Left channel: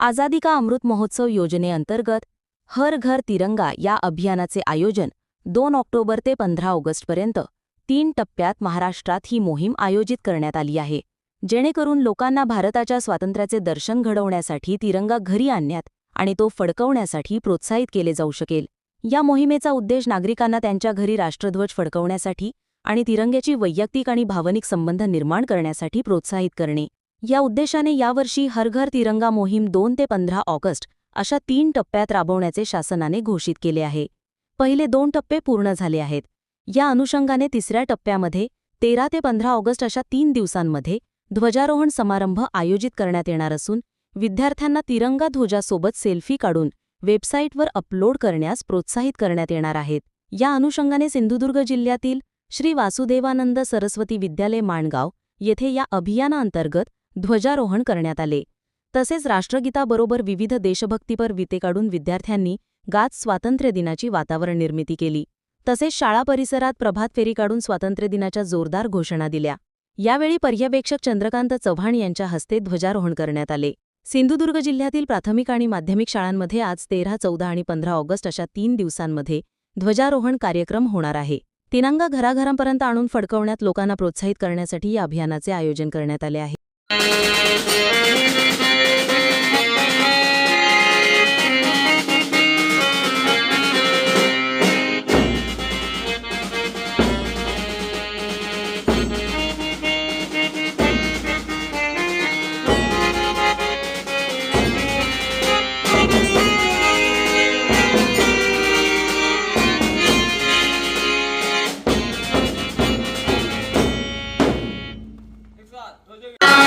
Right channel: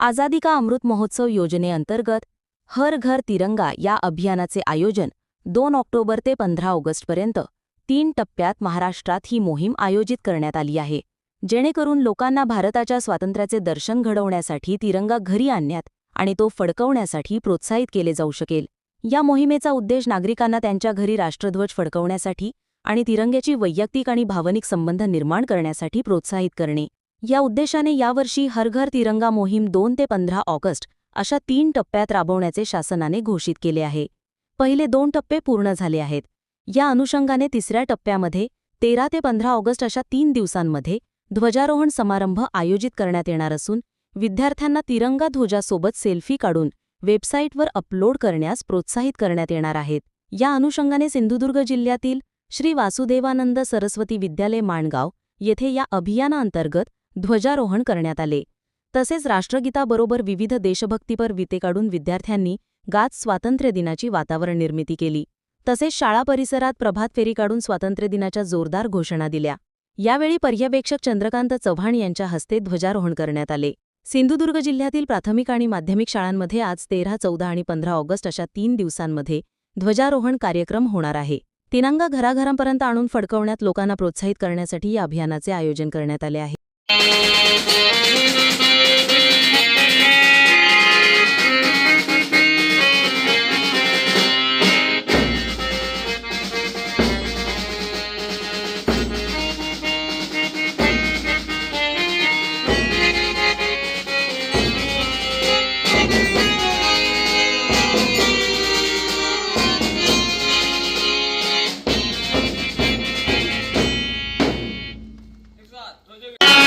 आझादी का अमृत महोत्सव योजनेअंतर्गत हर घर तिरंगा या अभियानाचे आयोजन दोन ऑक्टोबर ते पंधरा ऑगस्टपर्यंत तीन टप्प्यात महाराष्ट्रात ही मोहीम आयोजित करण्यात आली आहे. जेणेकरून लोकांना भारताच्या स्वातंत्र्याचे दर्शन घडवण्यासाठी तिरंगा घरी आणण्यात आणि तो फडकवण्यासाठी प्रोत्साहित केले जाऊ शकेल. या मोहिमेचा उद्देश नागरिकांना त्यांच्या घरी राष्ट्रध्वज फडकवण्यासाठी आणि तिरंग्याची वैयक्तिक आणि भावनिक संबंध निर्माण करण्यासाठी प्रोत्साहित करणे. या उद्देशाने यावर्षी हर घर तिरंगा मोहीम दोन ते पंधरा ऑगस्ट अशा तीन टप्प्यात राबवण्याचे शासनाने घोषित केले आहे. पहिले दोन टप्पे पूर्ण झाले आहेत. या अनुषंगाने तिसऱ्या टप्प्यामध्ये तेरा ते पंधरा ऑगस्ट अशा तीन दिवसांमध्ये ध्वजारोहण समारंभ आयोजित करण्यात येणार असून विद्यार्थ्यांना तिरंगा ध्वजासोबत सेल्फी काढून वेबसाईटवर अपलोड करण्यास प्रोत्साहित करण्यात येणार आहेत. या अनुषंगाने सिंधुदुर्ग जिल्ह्यातील श्री वासुदेवानंद सरस्वती विद्यालय माणगाव येथे या अभियानाअंतर्गत ध्वजारोहण करण्यात आले. तसेच राष्ट्रगीताबरोबर विविध देशभक्तीपर विते काढून विद्यार्थ्यांनी गात स्वातंत्र्यदिनाची वातावरण निर्मिती केली. तसेच शाळा परिसरात प्रभात फेरी काढून स्वातंत्र्यदिनाच्या जोरदार घोषणा दिल्या. यावेळी पर्यवेक्षक चंद्रकांत चव्हाण यांच्या हस्ते ध्वजारोहण करण्यात आले. सिंधुदुर्ग जिल्ह्यातील प्राथमिक आणि माध्यमिक शाळांमध्ये आज तेरा चौदा आणि पंधरा ऑगस्ट अशा तीन दिवसांमध्ये ध्वजारोहण कार्यक्रम होणार आहे. तिरंगा घराघरांपर्यंत आणून फडकवण्यात लोकांना प्रोत्साहित करण्यासाठी या अभियानाचे आयोजन करण्यात आले आहे. Let's do it.